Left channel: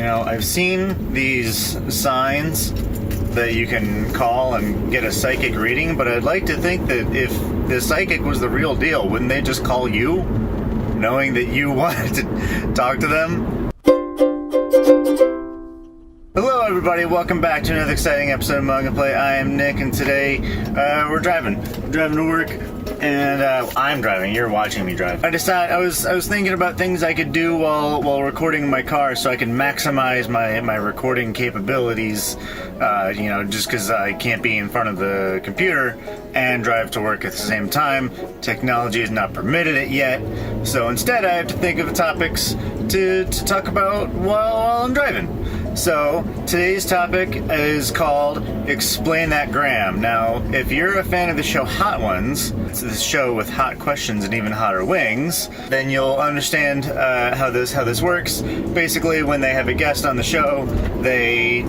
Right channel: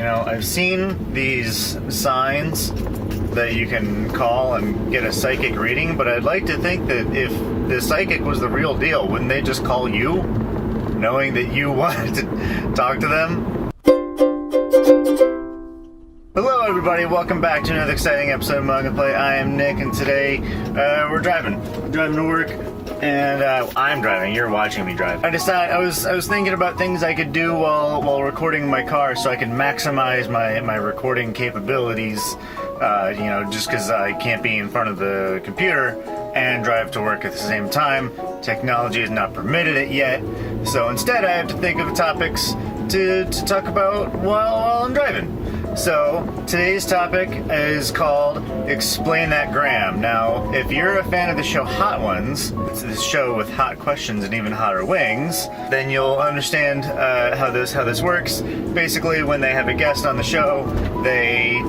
You know, I've seen these signs that you can call and get a psychic reading, but I'd like to think that if the psychic was the real deal, wouldn't they just call you, knowing that you wanted to talk to them? Hello everybody, welcome back to another exciting episode of Mug and Play. I am Nick, and today we're driving to work, and I'm driving. You're watching me drive. I was thinking about things I could do while recording in my car, so I can maximize my recording capabilities. You know, just because I can't be in front of the computer and drive to work at the same time. Technology has not permitted it yet, so instead I have to think of topics to talk about while I'm driving. So today's topic is called Explain That Gram. Now, if you're a fan of the show Hot Ones, it's the show with hot questions and even hotter wings, then you'll understand how this works. Basically, when they have a guest on the show, they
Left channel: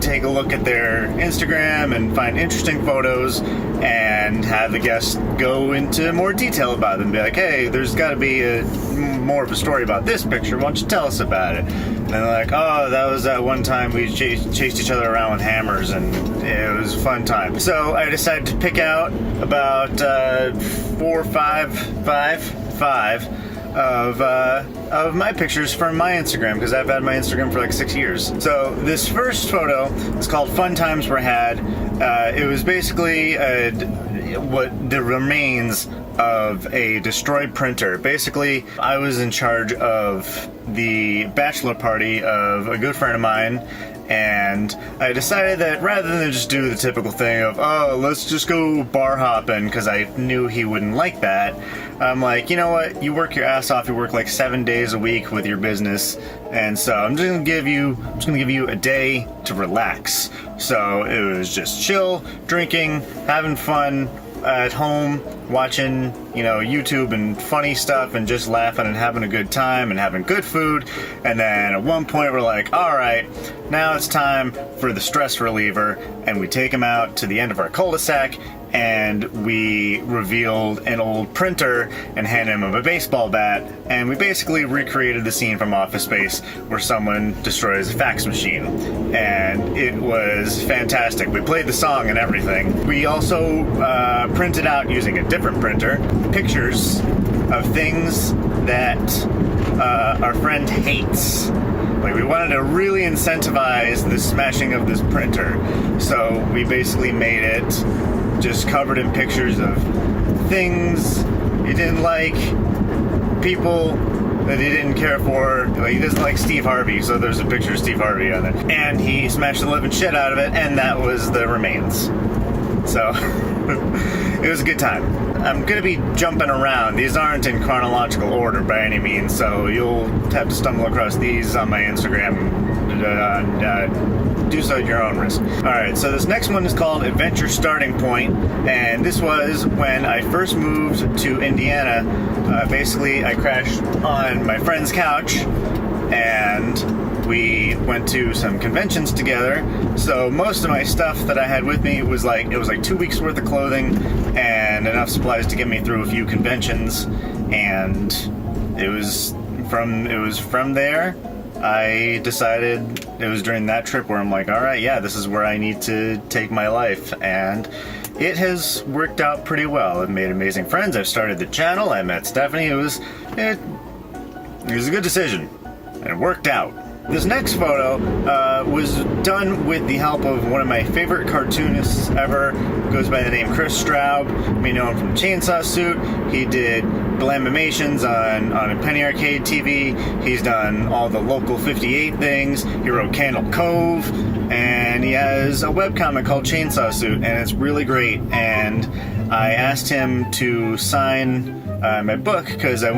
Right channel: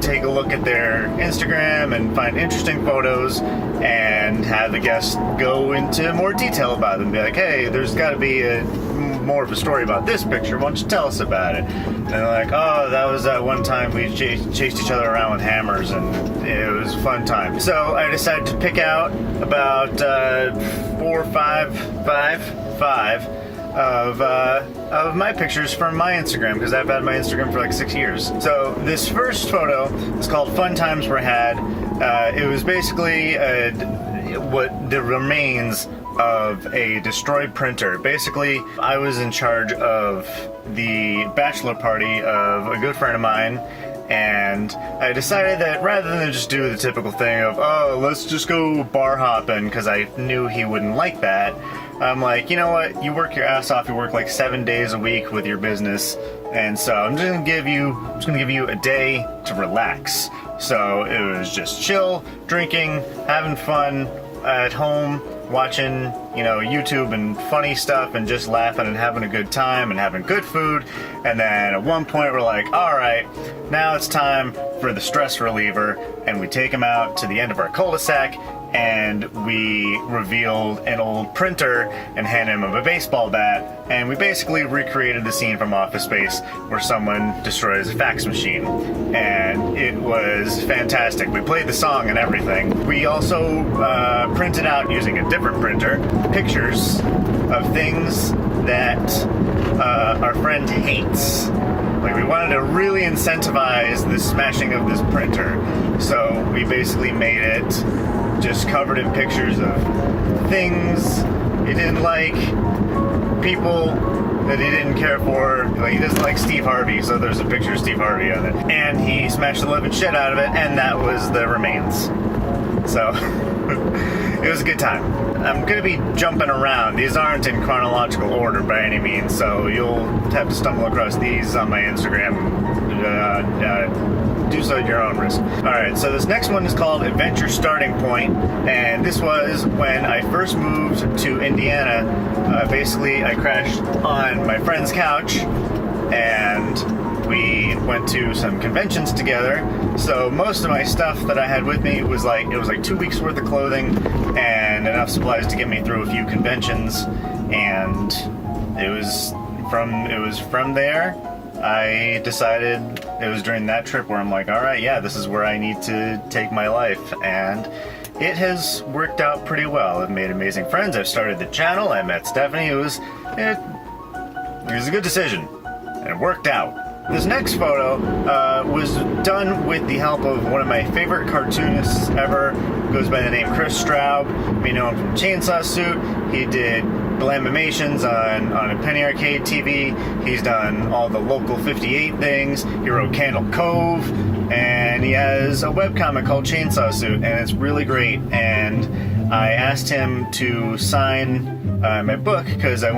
take a look at their Instagram and find interesting photos and have the guest go into more detail about them. Be like, hey, there's got to be more of a story about this picture. Why don't you tell us about it? And they're like, oh, that was that one time we chased each other around with hammers, and it was a fun time. So I decided to pick out about 4 or 5 of my pictures from my Instagram, because I've had my Instagram for like 6 years. So this first photo is called Fun Times Were Had. It was basically what the remains of a destroyed printer. Basically, I was in charge of the bachelor party of a good friend of mine, and I decided that rather than just do the typical thing of, oh, let's just go bar hopping, because I knew he wouldn't like that, I'm like, you know what, you work your ass off, you work like 7 days a week with your business, and so I'm just gonna give you a day to relax. So it was just chill, drinking, having fun at home, watching, you know, YouTube and funny stuff, and just laughing and having a good time and having good food. And then at one point we're like, all right, now it's time for the stress reliever, and we take him out to the end of our cul-de-sac, and we revealed an old printer and hand him a baseball bat, and we basically recreated the scene from Office Space where someone destroys a fax machine, and it was fantastic. We played the song and everything. We also printed out, using a different printer, pictures of things that our friend hates. Like, we wanted to really incentivize the smashing of this printer, so we basically made it just covered in pictures of things he didn't like, people that he didn't care for. Like, he doesn't like Steve Harvey, so there's a picture of Steve Harvey on it. And he smashed the living shit out of it, and that was the remains. So, it was a good time. I'm going to be jumping around. These aren't in chronological order by any means, so you'll have to stumble across these on my Instagram. Do so at your own risk. Alright, so this next one is called Adventure Starting Point, and this was when I first moved to Indiana. Basically, I crashed on my friend's couch, and we went to some conventions together. So most of my stuff that I had with me was like 2 weeks worth of clothing and enough supplies to get me through a few conventions, and it was from there I decided, it was during that trip where I'm like, all right, yeah, this is where I need to take my life, and it has worked out pretty well. I've made amazing friends. I've started the channel. I met Stephanie. It was a good decision, and it worked out. This next photo was done with the help of one of my favorite cartoonists ever. He goes by the name Chris Straub. We know him from Chainsaw Suit. He did Blamimations on Penny Arcade TV. He's done all the Local 58 things. He wrote Candle Cove, and he has a webcomic called Chainsaw Suit, and it's really great. And I asked him to sign my book, because the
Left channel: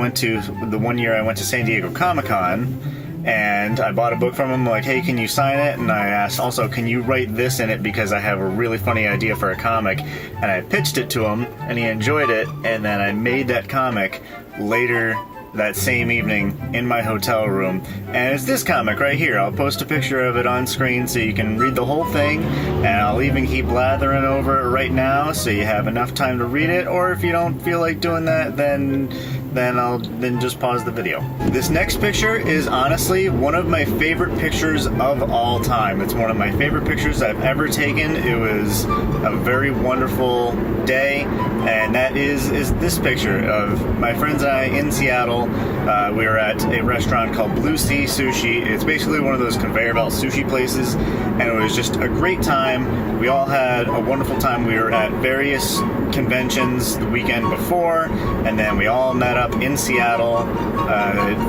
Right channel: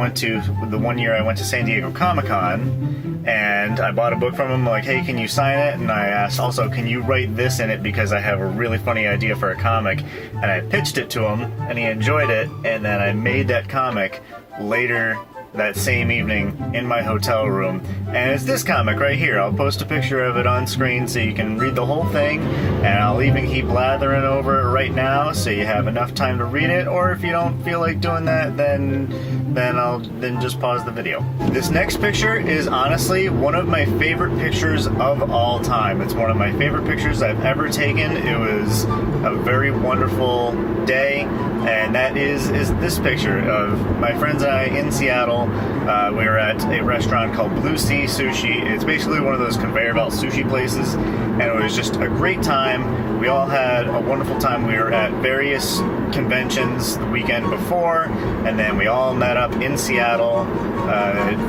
one year I went to San Diego Comic-Con, and I bought a book from him, like, hey, can you sign it? And I asked also, can you write this in it, because I have a really funny idea for a comic. And I pitched it to him, and he enjoyed it, and then I made that comic later that same evening in my hotel room. And it's this comic right here. I'll post a picture of it on screen so you can read the whole thing, and I'll even keep blathering over it right now so you have enough time to read it. Or if you don't feel like doing that, then then just pause the video. This next picture is honestly one of my favorite pictures of all time. It's one of my favorite pictures I've ever taken. It was a very wonderful day, and that is this picture of my friends and I in Seattle. We were at a restaurant called Blue Sea Sushi. It's basically one of those conveyor belt sushi places, and it was just a great time. We all had a wonderful time. We were at various conventions the weekend before, and then we all met up in Seattle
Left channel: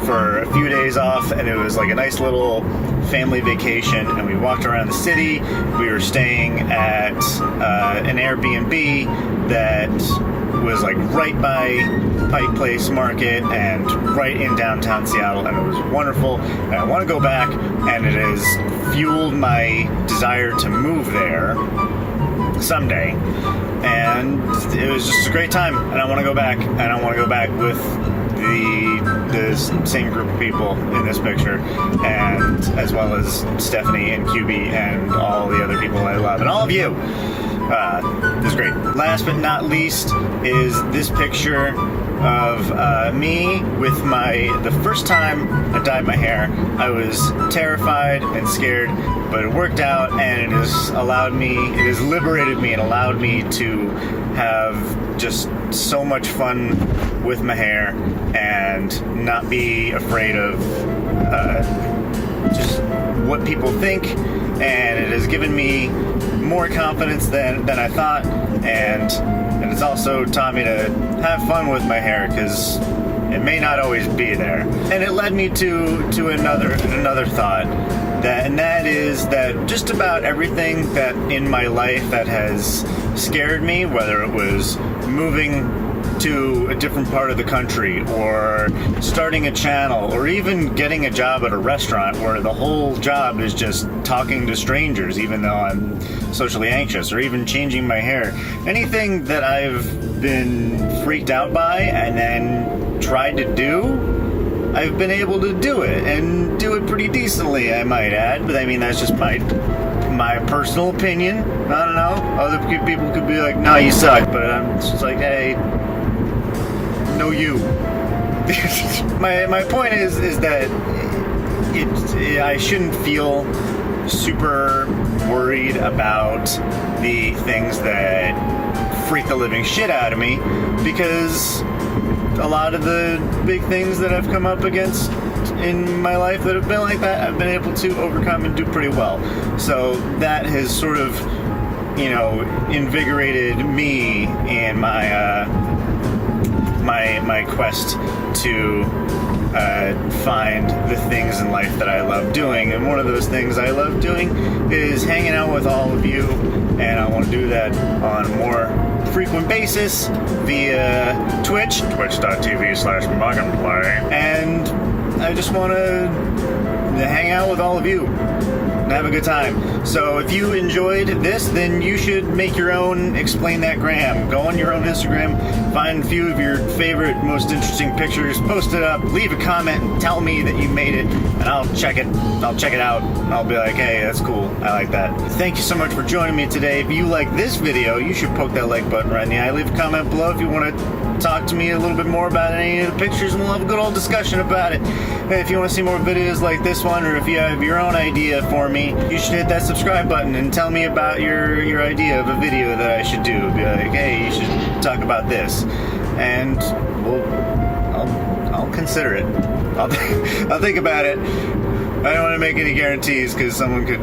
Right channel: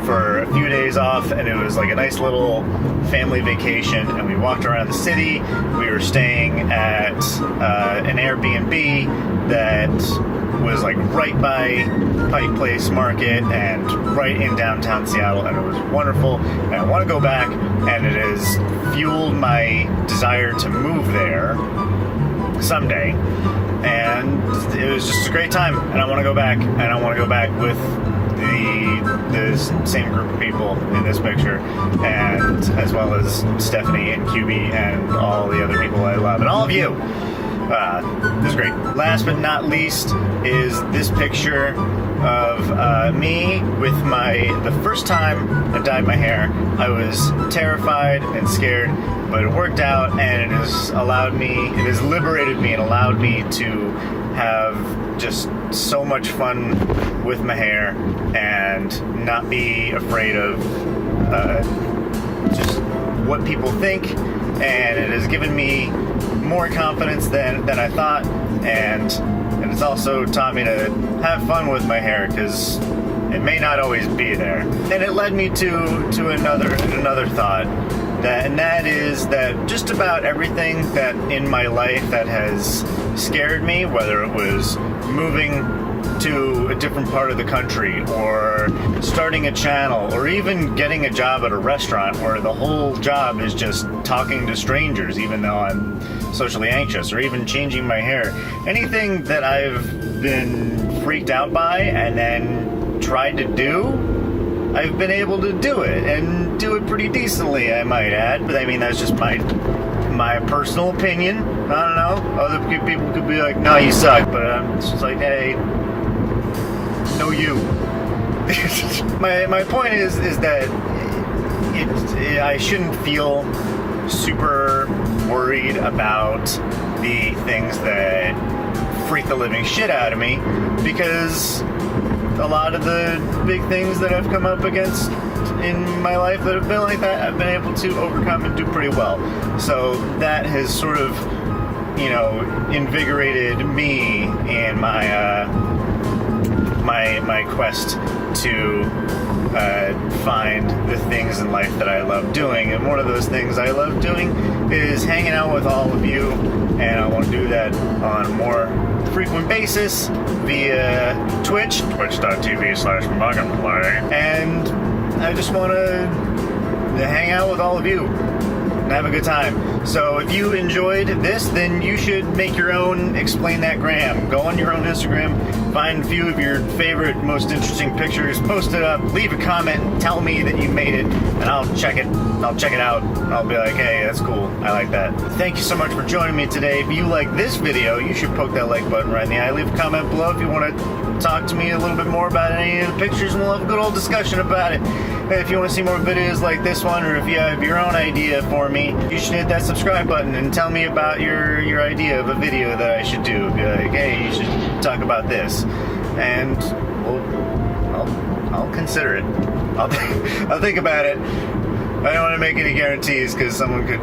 for a few days off, and it was like a nice little family vacation, and we walked around the city. We were staying at an Airbnb that was like right by Pike Place Market and right in downtown Seattle, and it was wonderful, and I want to go back, and it has fueled my desire to move there someday. And it was just a great time, and I want to go back, and I want to go back with the same group of people in this picture, and as well as Stephanie and QB and all the other people I love, and all of you. It was great. Last but not least is this picture of me with the first time I dyed my hair. I was terrified and scared, but it worked out, and it has liberated me and allowed me to have just so much fun with my hair and not be afraid of just what people think, and it has given me more confidence than I thought, and it's also taught me to have fun with my hair, because it may not always be there. And it led me to another thought, and that is that just about everything that in my life that has scared me, whether it was moving to a different part of the country, or starting a channel, or even getting a job at a restaurant where the whole job is just talking to strangers even though I'm socially anxious, or even changing my hair. Anything that I've been freaked out by and then tried to do, I've been able to do it, and do it pretty decently, I might add. But I mean, that's just my personal opinion. I don't know. Other people could be like, no, you suck. But I'm just like, hey, no, you. my point is that I shouldn't feel super worried about the things that freak the living shit out of me, because a lot of the big things that I've come up against in my life that have been like that, I've been able to overcome and do pretty well. So that has sort of, invigorated me in my quest to find the things in life that I love doing. And one of those things I love doing is hanging out with all of you, and I want to do that on a more frequent basis via Twitch, twitch.tv/MugAndPlay, and I just want to hang out with all of you and have a good time. So if you enjoyed this, then you should make your own Explain That Gram. Go on your own Instagram, find a few of your favorite, most interesting pictures, post it up, leave a comment, and tell me that you made it, and I'll check it out. I'll be like, hey, that's cool, I like that. Thank you so much for joining me today. If you like this video, you should poke that like button right in the eye. Leave a comment below if you want to talk to me a little bit more about any of the pictures, and we'll have a good old discussion about it. And if you want to see more videos like this one, or if you have your own idea for me, you should hit that subscribe button and tell me about your idea of a video that I should do. Be like, hey, you should talk about this, and I'll consider it. I'll think about it. I don't want to make any guarantees, because someone could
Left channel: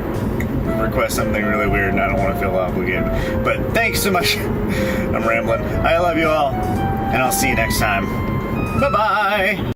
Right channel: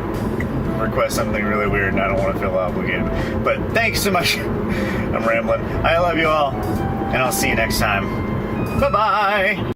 request something really weird and I don't want to feel obligated. But thanks so much. I'm rambling. I love you all, and I'll see you next time. Bye-bye.